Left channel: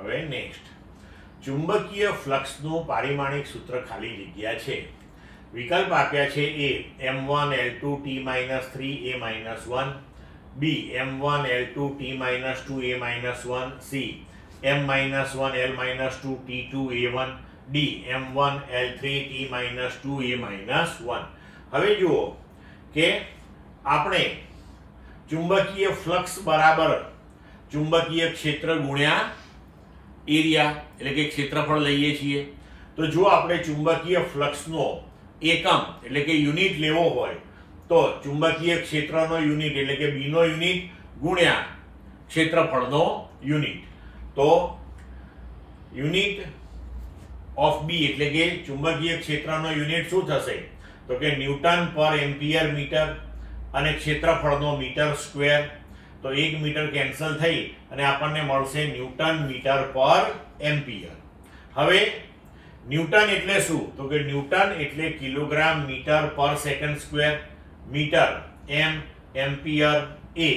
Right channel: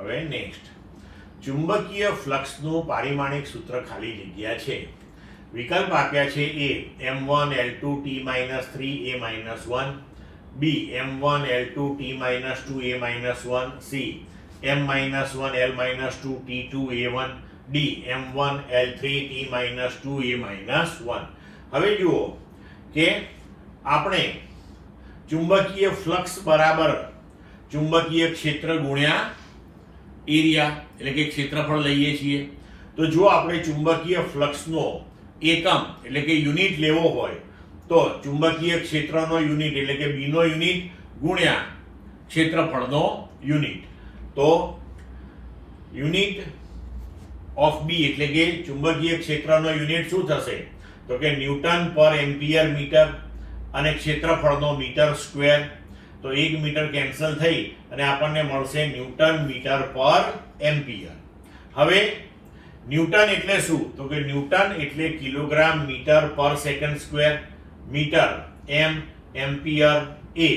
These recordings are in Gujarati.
હવે નેક્સ્ટ, ચુંબકીય ફ્લક્સનું પારિમાણિક સૂત્ર ખાલી જગ્યા છે. વિકલ્પ આપ્યા છે a m1 l2 t-3 a-1, b m1 l2 t-2 a-1, c m-1 l-2 t2 a1, d m1 l3 t-2 a-1. હવે જુઓ કે આપણે ચુંબકીય ફ્લક્સ બરાબર ચુંબકીય ક્ષેત્ર ગુણ્યા એરિયા એટલે કે ક્ષેત્રફળ લઈએ છીએ. તો જો આપણે ચુંબકીય ફ્લક્સનો એકમ એટલે કે યુનિટ લેવો હોય તો ચુંબકીય ક્ષેત્રનો યુનિટ એટલે કે b નો યુનિટ ગુણ્યા ક્ષેત્રફળનો યુનિટ. તો યુનિટ ઓફ b એટલે કે ચુંબકીય ક્ષેત્રનો યુનિટ શું થશે? તો કે ન્યૂટન પર એમ્પિયર મીટર અને ક્ષેત્રફળનો મીટર સ્ક્વેર. તો 1 મીટર કેન્સલ થઈ અને આપણને મળશે ન્યૂટન મીટર પર એમ્પિયર. હવે ન્યૂટન એટલે શું? તો કે ન્યૂટન એટલે kilogram metre per second square, metre m, ampere a.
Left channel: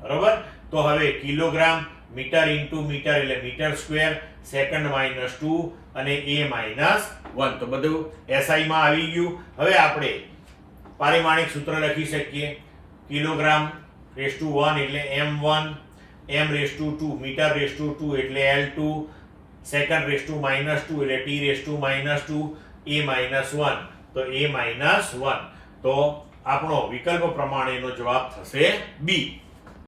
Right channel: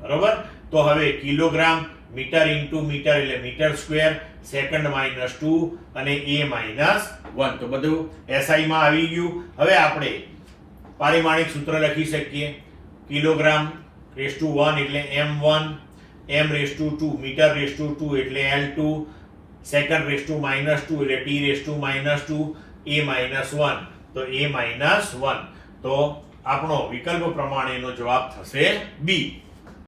બરોબર? તો હવે કિલોગ્રામ મીટર ઇન્ટુ મીટર એટલે મીટર સ્ક્વેર, સેકન્ડ -2 અને a -1. તો બધું SI માં આવી ગયું. હવે આપણે પારિમાણિક સૂત્ર લખી શકીએ. કિલોગ્રામ રેઝ ટુ 1 એટલે m1, m raise to 2 metre raise to 2 એટલે l2, સેકન્ડ રેઝ ટુ -2 એટલે t રેઝ ટુ -2 a-1. તો a-1. તો આપણો વિકલ્પ પ્રમાણેનો જવાબ થશે b.